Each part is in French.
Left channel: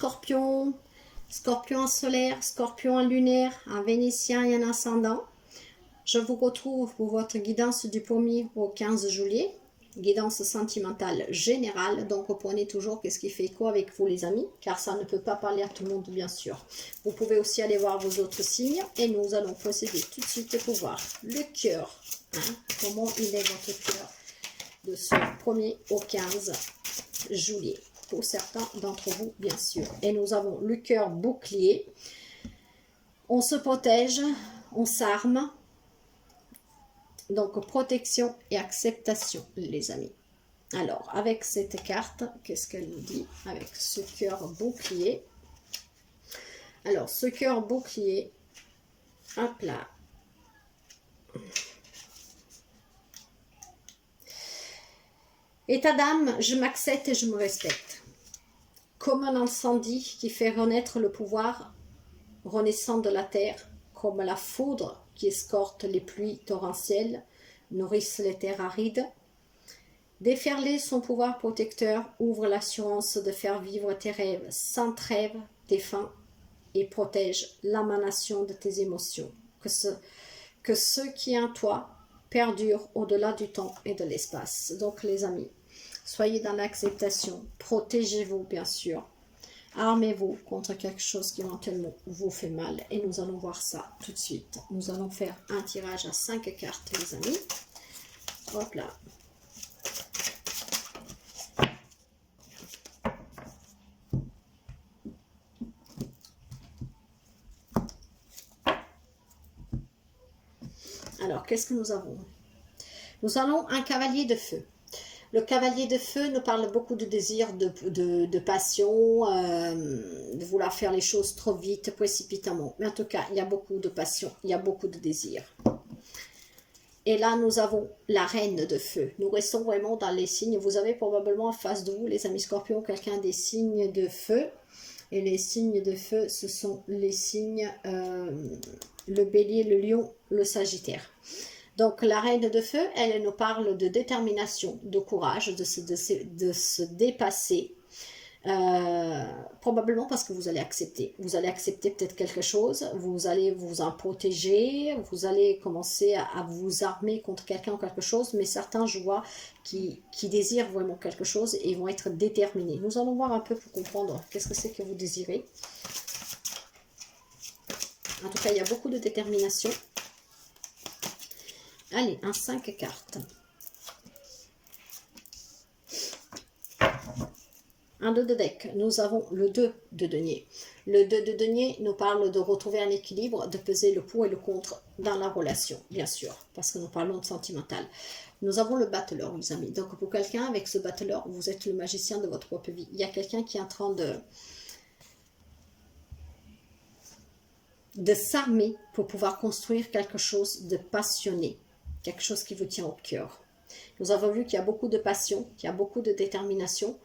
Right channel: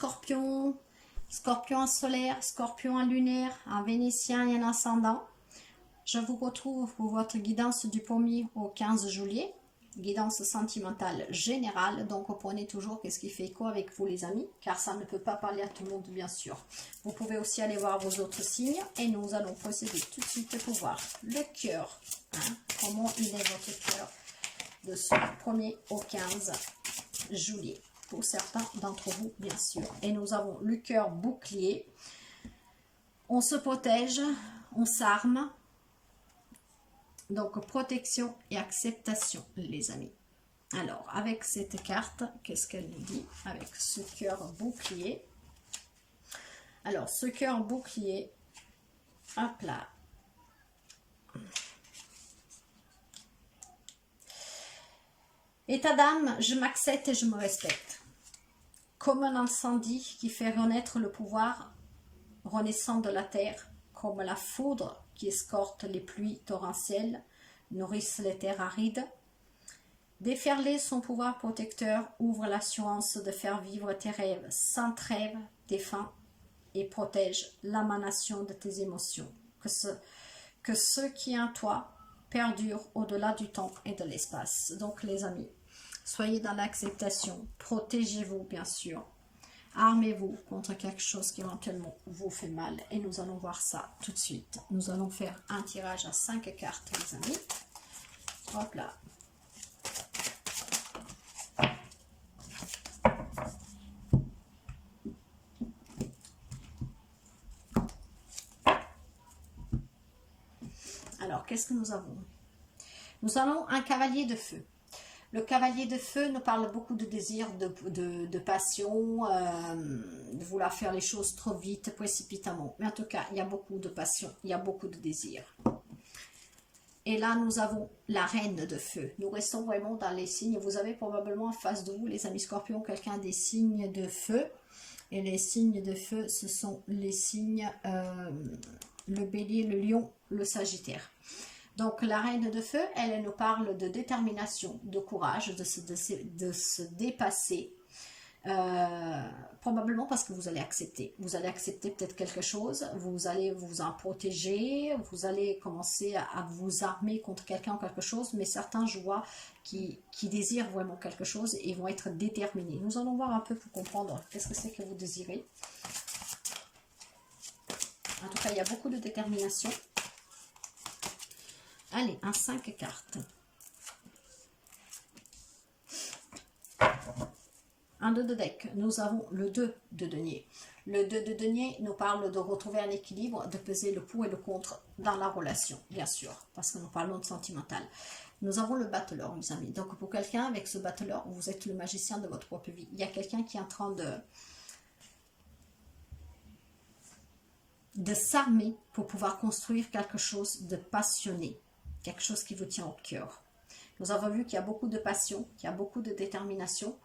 Scorpion, Scorpion en solaire, Scorpion en lunaire, en vénitien et en ascendant. Je vous retrouve pour votre guidance du 1er au 15 juillet. Guidance sentimentale générale, donc reprenez toujours qu'est-ce qui fait écho avec vous les amis, car ça ne peut pas parler à tout le monde bien sûr. Vous pouvez aussi aller voir vos autres signes et nous allons procéder tout de suite pour voir le cœur. Hein, comment il est votre cœur de ce 1er au 15 juillet, pour certains d'entre vous bien sûr. Et nous avons le cœur bouclier, on se protège, on s'arme. Donc, protection et acceptation, les amis. Alors, avec cette carte, qu'est-ce qu'elle nous dit avec ce cœur bouclier? Alors, ce cœur bouclier, hop là. État d'âme, je m'accepte et je me respecte. Comme un incendie qui fait renaître le pouvoir renaissant de la terre, comme la foudre qui escorte les pluies torrentielles, nourrissent les terres arides. Déferler son pouvoir protecteur ouvre l'assurance de faire vivre tes rêves sans trêve, défend et protège l'émanation de tes émotions. Que ce qui est en toi perdure au-delà du temps et de l'espace. Donc les amis, soyez dans l'acceptation, protégez-vous bien sûr. Armez-vous contre quelque chose qui éventuellement vous fait mal. Et nous allons voir ça tout de suite. Nous allons faire un tirage à 5 cartes, les amis. Hop là. Alors, qu'est-ce que nous avons? Nous avons un cavalier de feu. Le cavalier de feu nous parle beaucoup de désir, de passion, de vouloir faire les choses trop vite, précipitamment. Mais en tout cas, il y a beaucoup de passion, il y a beaucoup de désir. Et là, nous avons la reine de feu. Nous restons vraiment dans les signes. Vous avez probablement en face de vous, les amis scorpions, quelqu'un des signes de feu. Et les signes de feu, ce sont les signes, le bélier, le lion, le sagittaire. Donc, la reine de feu, elle nous parle de détermination, de courage, de se dépasser. Probablement parce que vous allez accepter. Vous allez accepter peut-être quelque chose, vous allez vous en protéger, vous allez commencer à vous armer contre quelqu'un ou quelque chose, mais certains, je vois, qui désirent vraiment quelque chose et vont être déterminés. Nous allons voir un peu pour comprendre qu'est-ce que c'est que vous désirez. En tout cas, il y a beaucoup de détermination. Allez, un 5 cartes. Un 2 de deck. Nous avons le 2 de denier. Le 2 de denier nous parle de retrouver un équilibre, de peser le pour et le contre dans la relation, bien sûr, parce que nous parlons de sentimental. Nous avons le battleur, les amis. Donc, pour quelqu'un, avec ce battleur, vous êtes le magicien de votre propre vie. Il y a quelqu'un qui est en train de s'armer pour pouvoir construire quelque chose de passionné. Quelque chose qui vous tient au cœur. Nous avons vu qu'il y a beaucoup de passion, qu'il y a beaucoup de détermination.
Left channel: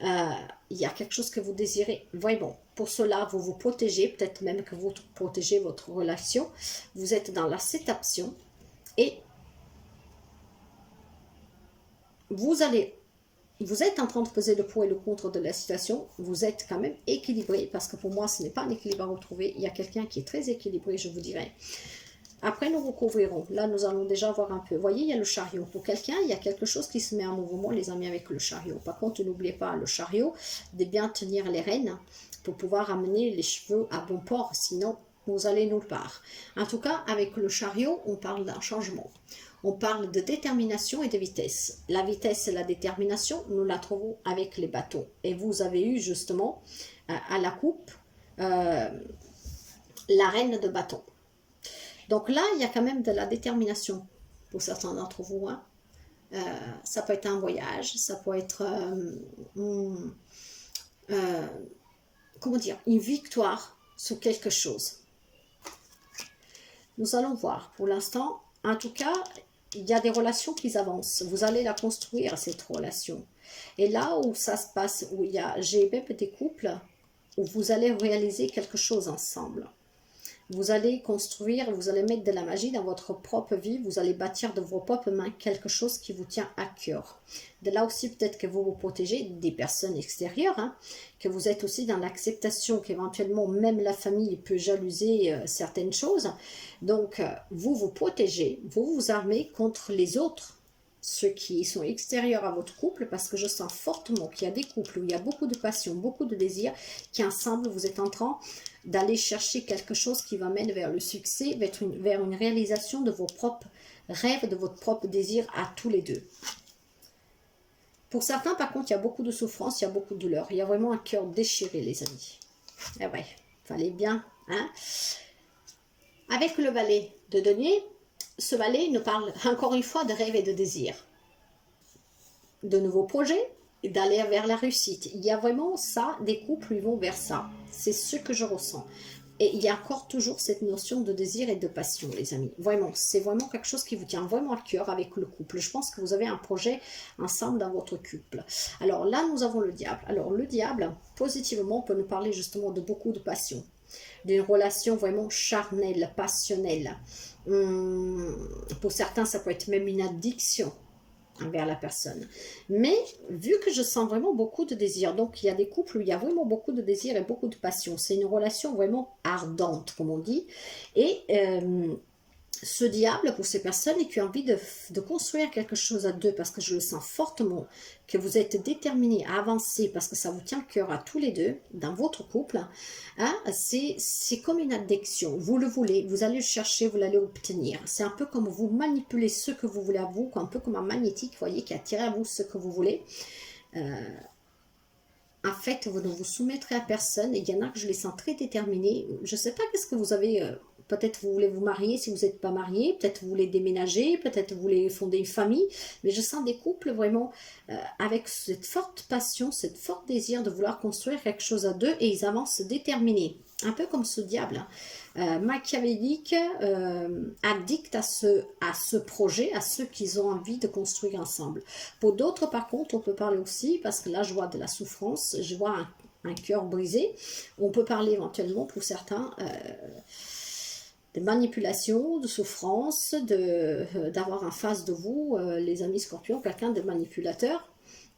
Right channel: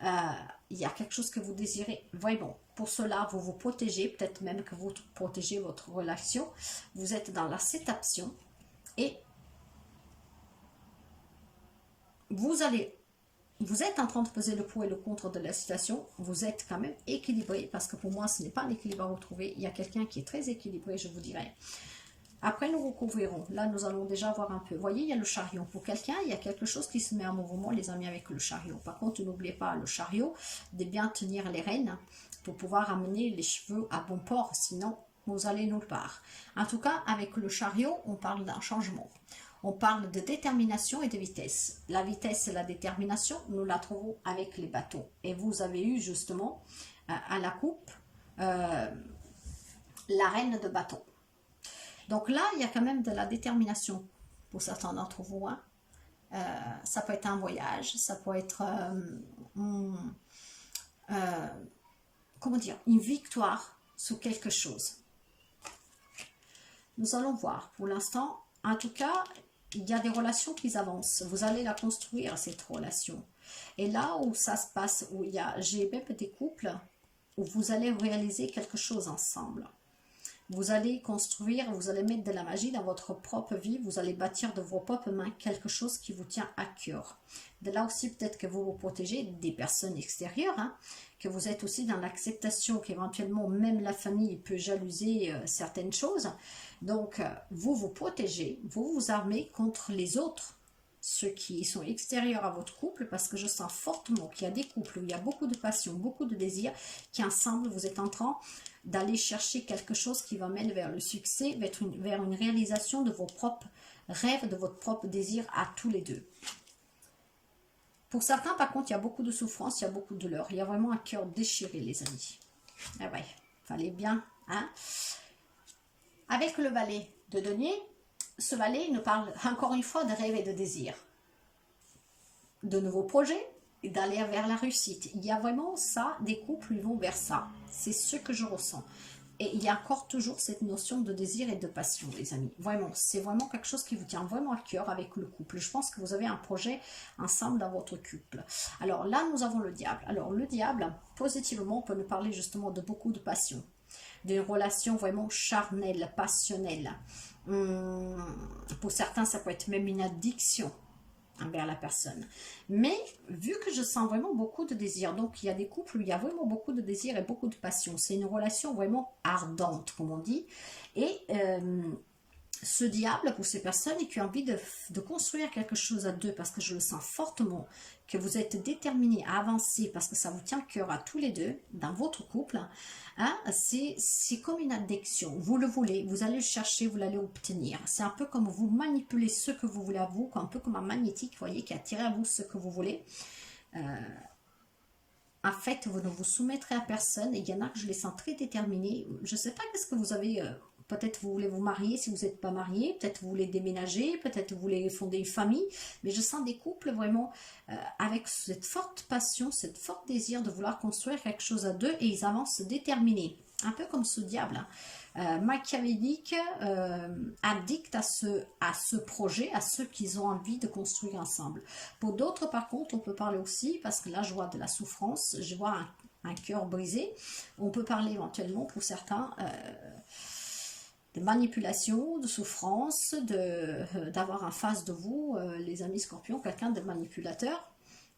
Il y a quelque chose que vous désirez vraiment. Pour cela, vous vous protégez, peut-être même que vous protégez votre relation. Vous êtes dans l'acceptation et vous êtes en train de peser le pour et le contre de la situation. Vous êtes quand même équilibré parce que pour moi, ce n'est pas un équilibre à retrouver. Il y a quelqu'un qui est très équilibré, je vous dirais. Après, nous recouvrirons. Là, nous allons déjà voir un peu. Vous voyez, il y a le chariot. Pour quelqu'un, il y a quelque chose qui se met en mouvement, les amis, avec le chariot. Par contre, n'oubliez pas le chariot, de bien tenir les rênes pour pouvoir amener les cheveux à bon port. Sinon, vous allez nulle part. En tout cas, avec le chariot, on parle d'un changement. On parle de détermination et de vitesse. La vitesse et la détermination, nous la trouvons avec les bateaux. Et vous avez eu justement à la coupe la reine de bateau. Donc là, il y a quand même de la détermination pour certains d'entre vous. Hein. Ça peut être un voyage, ça peut être comment dire, une victoire sur quelque chose. Nous allons voir. Pour l'instant, en tout cas, il y a des relations qui avancent. Vous allez la construire, cette relation. Et là où ça se passe, j'ai même des couples où vous allez réaliser quelque chose ensemble. Vous allez construire, vous allez mettre de la magie dans votre propre vie, vous allez bâtir de vos propres mains quelque chose qui vous tient à cœur. De là aussi, peut-être que vous vous protégez des personnes extérieures, hein, que vous êtes aussi dans l'acceptation qu'éventuellement même la famille peut jalouser certaines choses. Donc, vous vous protégez, vous vous armez contre les autres, ceux qui sont extérieurs à votre couple, parce que je sens fortement qu'il y a des couples où il y a beaucoup de passion, beaucoup de désir, qui ensemble, vous êtes en train d'aller chercher quelque chose qui va mener vers le succès, vers une réalisation de vos propres rêves, de votre propre désir à tous les deux. Pour certains, par contre, il y a beaucoup de souffrance, il y a beaucoup de douleur. Il y a vraiment un cœur déchiré, les amis. Eh ouais, fallait bien, hein. Avec le valet de denier, ce valet nous parle encore une fois de rêves et de désirs. De nouveaux projets, et d'aller vers la réussite. Il y a vraiment ça, des couples ils vont vers ça. C'est ce que je ressens. Et il y a encore toujours cette notion de désir et de passion, les amis. Vraiment, c'est vraiment quelque chose qui vous tient vraiment à cœur avec le couple. Je pense que vous avez un projet ensemble dans votre couple. Alors là, nous avons le diable. Alors le diable, positivement, on peut nous parler justement de beaucoup de passion. D'une relation vraiment charnelle, passionnelle. Pour certains, ça peut être même une addiction envers la personne. Mais vu que je sens vraiment beaucoup de désir, donc il y a des couples où il y a vraiment beaucoup de désir et beaucoup de passion. C'est une relation vraiment ardente, comme on dit. Et ce diable, pour ces personnes qui ont envie de construire quelque chose à deux, parce que je le sens fortement, que vous êtes déterminés à avancer, parce que ça vous tient à cœur à tous les deux, dans votre couple, hein, c'est comme une addiction. Vous le voulez, vous allez le chercher, vous l'allez obtenir. C'est un peu comme vous manipulez ce que vous voulez à vous, un peu comme un magnétique, vous voyez, qui attire à vous ce que vous voulez. En fait, vous ne vous soumettrez à personne. Et il y en a que je les sens très déterminés. Je ne sais pas qu'est-ce que vous avez. Peut-être vous voulez vous marier si vous n'êtes pas marié. Peut-être vous voulez déménager. Peut-être vous voulez fonder une famille. Mais je sens des couples vraiment avec cette forte passion, cette forte désir de vouloir construire quelque chose à deux. Et ils avancent déterminés. Un peu comme ce diable. Machiavélique, addict à ce projet, à ceux qu'ils ont envie de construire ensemble. Pour d'autres, par contre, on peut parler aussi, parce que là, je vois de la souffrance, je vois un cœur brisé. On peut parler éventuellement, pour certains, de manipulation, de souffrance, d'avoir en face de vous, les amis scorpions, quelqu'un de manipulateur,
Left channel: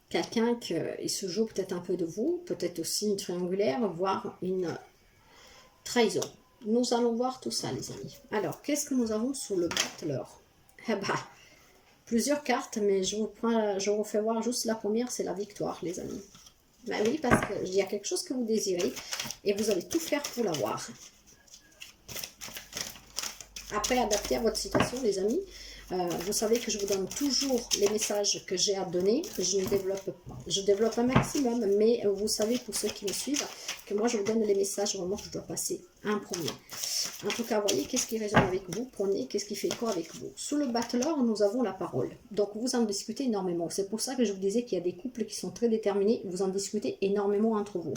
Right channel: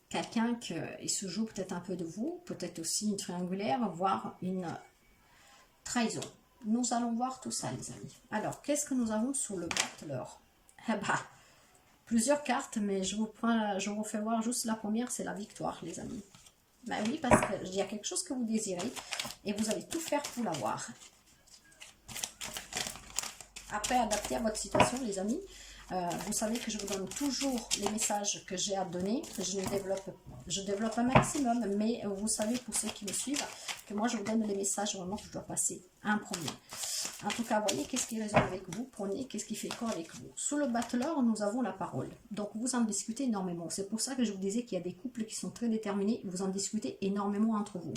quelqu'un qui se joue peut-être un peu de vous, peut-être aussi une triangulaire, voire une trahison. Nous allons voir tout ça, les amis. Alors, qu'est-ce que nous avons sous le battleur? Eh ben, plusieurs cartes, mais je vous fais voir juste la première, c'est la victoire, les amis. Ben oui, parce qu'il y a quelque chose que vous désirez et vous allez tout faire pour l'avoir. Après, adapté à votre situation, les amis, vous savez que je vous donne toujours les messages que j'ai à donner. Je développe un maximum, mais vous savez, pour ceux qui me suivent, que moi, je vous donne les messages vraiment que je dois passer en premier. En tout cas, voyez, qu'est-ce qui résonne avec vous, prenez, qu'est-ce qui fait quoi avec vous. Sous le battleur, nous avons la parole. Donc, vous en discutez énormément. C'est pour ça que je vous disais qu'il y a des couples qui sont très déterminés. Vous en discutez énormément entre vous.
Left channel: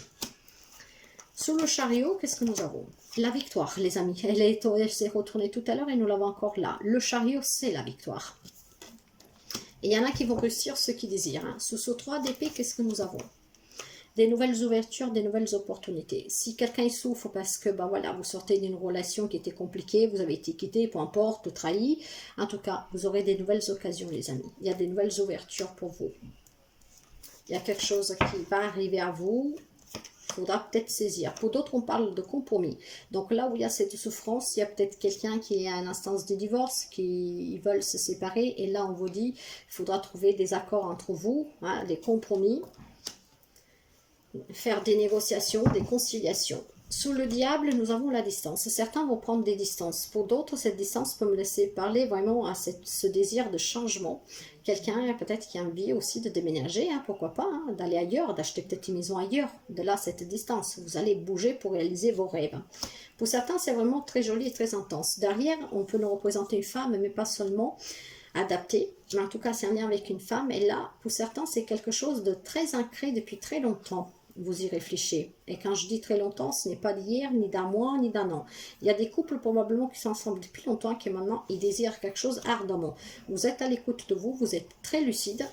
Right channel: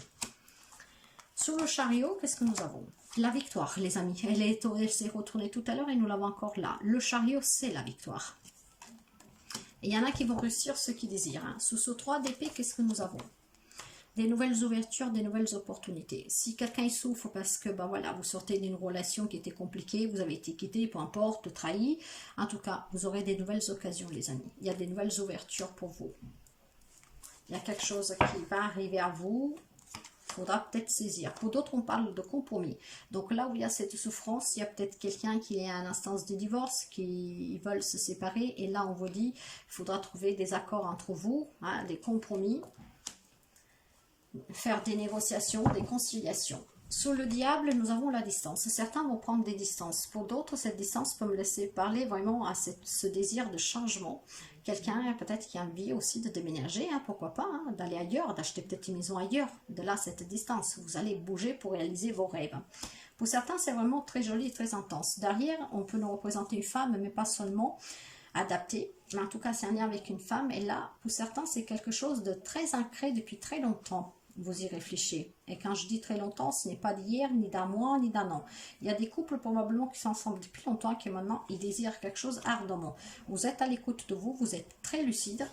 Sous le chariot, qu'est-ce que nous avons? La victoire, les amis. Elle s'est retournée tout à l'heure et nous l'avons encore là. Le chariot, c'est la victoire. Et il y en a qui vont réussir ce qu'ils désirent. Hein. Sous ce 3 d'épée, qu'est-ce que nous avons? Des nouvelles ouvertures, des nouvelles opportunités. Si quelqu'un souffre parce que ben voilà, vous sortez d'une relation qui était compliquée, vous avez été quitté, peu importe, trahi, en tout cas, vous aurez des nouvelles occasions, les amis. Il y a des nouvelles ouvertures pour vous. Il y a quelque chose qui va arriver à vous. Il faudra peut-être saisir. Pour d'autres, on parle de compromis. Donc là où il y a cette souffrance, il y a peut-être quelqu'un qui est à l'instance de divorce, qui veulent se séparer. Et là, on vous dit, il faudra trouver des accords entre vous, hein, des compromis, faire des négociations, des conciliations. Sous le diable, nous avons la distance. Certains vont prendre des distances. Pour d'autres, cette distance peut me laisser parler vraiment à ce désir de changement. Quelqu'un peut-être qui a envie aussi de déménager, hein, pourquoi pas, hein, d'aller ailleurs, d'acheter peut-être une maison ailleurs. De là, cette distance. Vous allez bouger pour réaliser vos rêves. Pour certains, c'est vraiment très joli et très intense. Derrière, on peut nous représenter une femme, mais pas seulement adaptée. Mais en tout cas, c'est un lien avec une femme. Et là, pour certains, c'est quelque chose de très ancré depuis très longtemps. Vous y réfléchissez. Et quand je dis très longtemps, ce n'est pas d'hier, ni d'un mois, ni d'un an. Il y a des couples probablement qui sont ensemble depuis longtemps, qui maintenant, ils désirent quelque chose ardemment. Vous êtes à l'écoute de vous, vous êtes très lucide,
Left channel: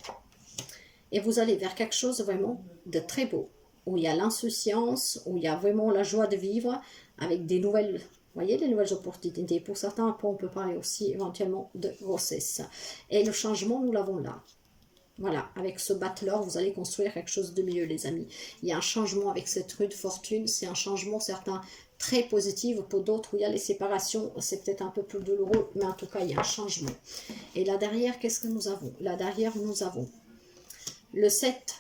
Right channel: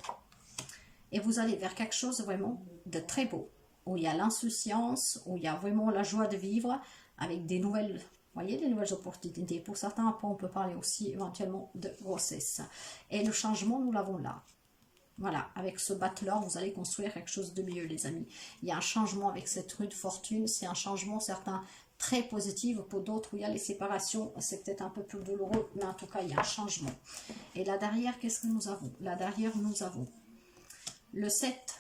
et vous allez vers quelque chose vraiment de très beau, où il y a l'insouciance, où il y a vraiment la joie de vivre, avec des nouvelles Vous voyez, des nouvelles opportunités. Pour certains, après, on peut parler aussi éventuellement de grossesse. Et le changement, nous l'avons là. Voilà, avec ce battleur, vous allez construire quelque chose de mieux, les amis. Il y a un changement avec cette rue de fortune. C'est un changement, certains, très positif. Pour d'autres, où il y a les séparations, c'est peut-être un peu plus douloureux. Mais en tout cas, il y a un changement. Et là derrière, qu'est-ce que nous avons? Là derrière, nous avons le 7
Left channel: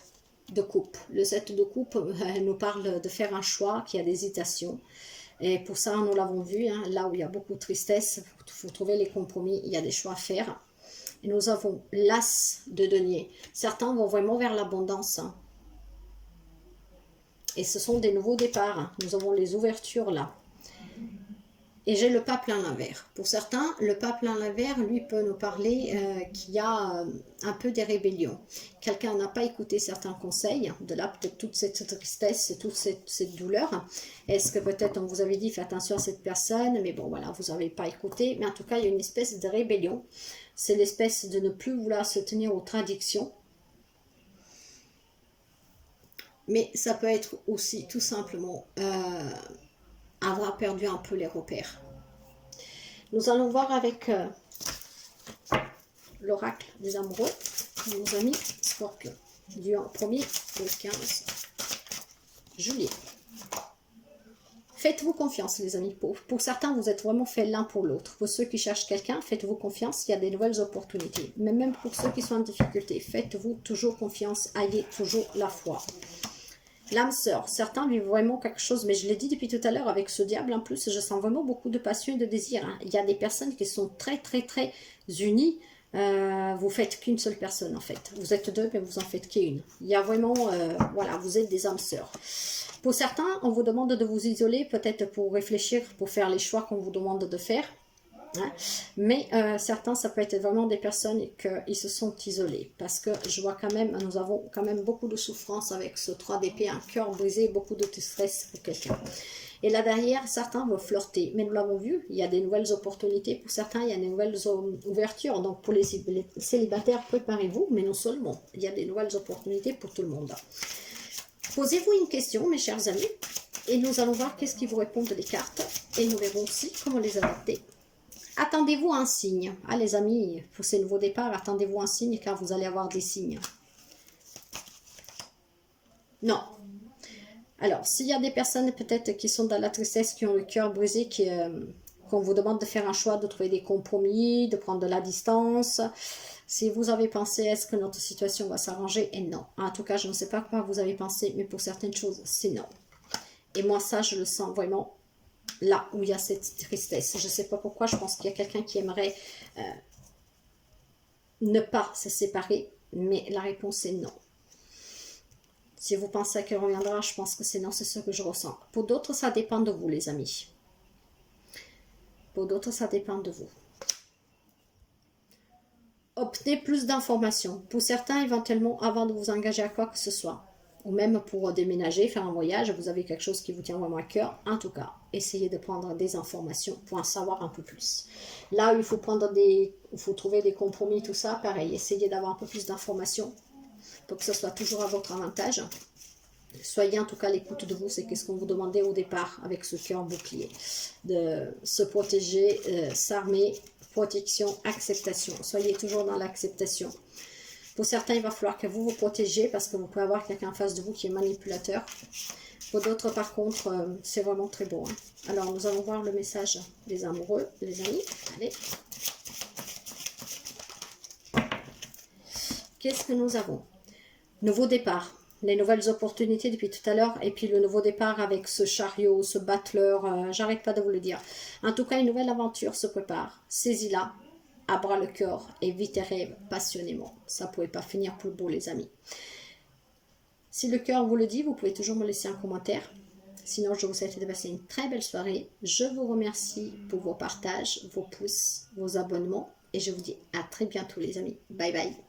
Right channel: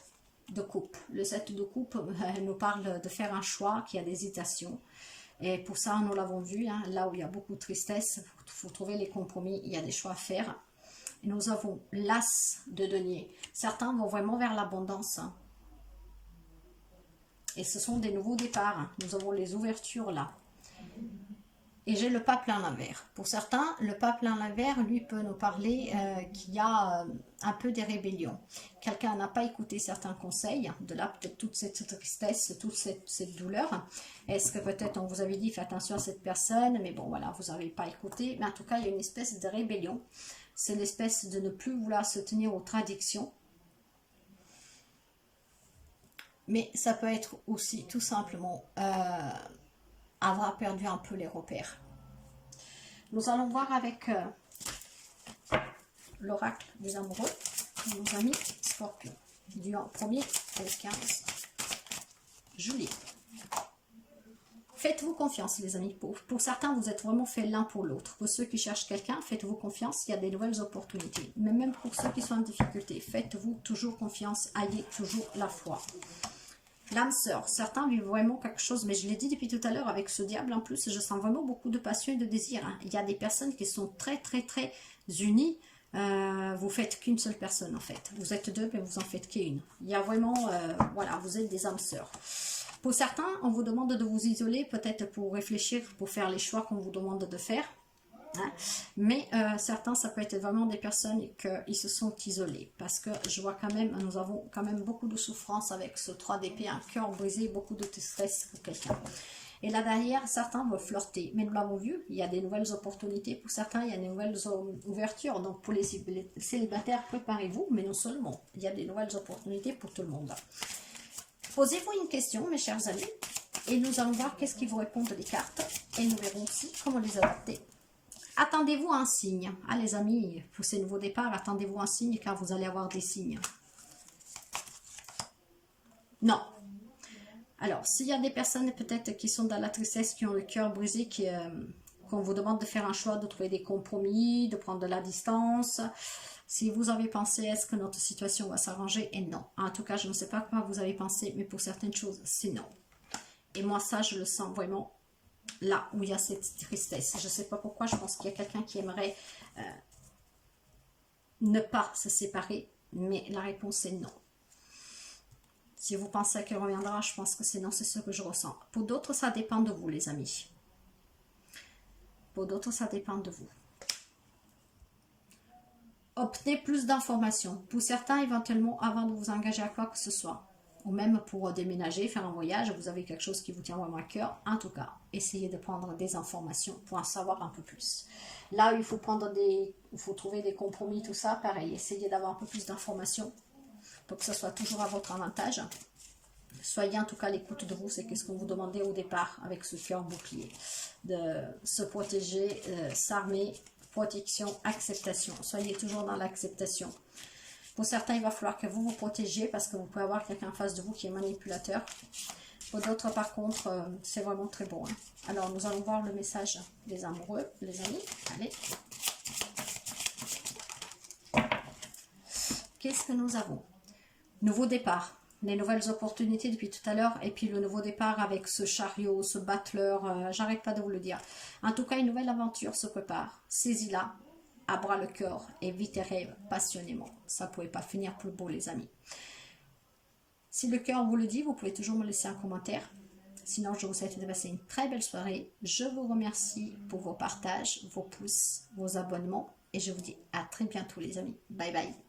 de coupe. Le 7 de coupe nous parle de faire un choix qui a des hésitations. Et pour ça, nous l'avons vu, hein, là où il y a beaucoup de tristesse, il faut trouver les compromis, il y a des choix à faire. Et nous avons l'as de denier. Certains vont vraiment vers l'abondance. Hein. Et ce sont des nouveaux départs. Hein. Nous avons les ouvertures là. Et j'ai le pape plein l'envers. Pour certains, le pape plein l'envers, lui, peut nous parler qu'il y a un peu des rébellions. Quelqu'un n'a pas écouté certains conseils, de là peut-être toute cette tristesse, toute cette douleur. Est-ce que peut-être on vous avait dit, faites attention à cette personne, mais bon, voilà, vous n'avez pas écouté. Mais en tout cas, il y a une espèce de rébellion. C'est l'espèce de ne plus vouloir se tenir aux traditions. Mais ça peut être aussi tout simplement avoir perdu un peu les repères. Nous allons voir avec l'oracle des amoureux, nos amis Scorpion, du 1er au 15 juillet. Faites-vous confiance, les amis. Pour certains, vous êtes vraiment faits l'un pour l'autre. Pour ceux qui cherchent quelqu'un, faites-vous confiance, il y a des nouvelles opportunités. Mais même pour ceux qui sont en difficulté, faites-vous toujours confiance, ayez toujours la foi. L'âme sœur, certains vivent vraiment quelque chose, mais je l'ai dit depuis tout à l'heure avec ce diable en plus, je sens vraiment beaucoup de passion et de désir. Hein. Il y a des personnes qui sont très unies, vous faites qu'une seule personne en fait. Vous êtes deux, mais vous en faites qu'une. Il y a vraiment, voilà, vous êtes des âmes sœurs. Pour certains, on vous demande de vous isoler, peut-être pour réfléchir, pour faire les choix qu'on vous demande de faire. Hein. Mais certains, ça peut être vraiment des personnes qui se sont isolés, parce que je vois quand même, nous avons quand même beaucoup de souffrance avec ce 3 d'épée, un cœur brisé, beaucoup de stress pour quelqu'un. Et là derrière, certains vont flirter, mais nous l'avons vu, il y a des nouvelles opportunités, pour certains il y a des nouvelles ouvertures, donc pour les célibataires, préparez-vous, mais non seulement, il y a des nouvelles opportunités pour tout le monde. Posez-vous une question, mes chers amis, et nous allons voir qu'est-ce qui vous répondent les cartes, et nous verrons aussi comment les adapter. Attendez-vous un signe. Ah les amis, pour ces nouveaux départs, attendez-vous un signe car vous allez avoir des signes. Non. Alors, s'il y a des personnes peut-être qui sont dans la tristesse, qui ont le cœur brisé, qu'on vous demande de faire un choix, de trouver des compromis, de prendre de la distance, si vous avez pensé, est-ce que notre situation va s'arranger? Et non. En tout cas, je ne sais pas quoi vous avez pensé, mais pour certaines choses, c'est non. Et moi, ça, je le sens vraiment là où il y a cette tristesse. Je ne sais pas pourquoi, je pense qu'il y a quelqu'un qui aimerait ne pas se séparer, mais la réponse est non. Si vous pensez qu'elle reviendra, je pense que c'est non, c'est ce que je ressens. Pour d'autres, ça dépend de vous, les amis. Pour d'autres, ça dépend de vous. Obtenez plus d'informations. Pour certains, éventuellement, avant de vous engager à quoi que ce soit. Ou même pour déménager, faire un voyage, vous avez quelque chose qui vous tient vraiment à cœur. En tout cas, essayez de prendre des informations pour en savoir un peu plus. Là où il faut trouver des compromis, tout ça, pareil. Essayez d'avoir un peu plus d'informations pour que ce soit toujours à votre avantage. Soyez en tout cas à l'écoute de vous, c'est qu'est-ce qu'on vous demandait au départ avec ce cœur bouclier. De se protéger, s'armer, protection, acceptation. Soyez toujours dans l'acceptation. Pour certains, il va falloir que vous vous protégiez parce que vous pouvez avoir quelqu'un en face de vous qui est manipulateur. Pour d'autres, par contre, c'est vraiment très beau. Hein. Alors, nous allons voir le message des amoureux, les amis. Allez. Qu'est-ce que nous avons? Nouveau départ. Les nouvelles opportunités depuis tout à l'heure. Et puis le nouveau départ avec ce chariot, ce battleur. J'arrête pas de vous le dire. En tout cas, une nouvelle aventure se prépare. Saisis-la. À bras le cœur et vite et rêve passionnément. Ça ne pouvait pas finir plus beau, les amis. Si le cœur vous le dit, vous pouvez toujours me laisser un commentaire. Sinon, je vous souhaite de passer une très belle soirée. Je vous remercie pour vos partages, vos pouces, vos abonnements. Et je vous dis à très bientôt, les amis. Bye bye.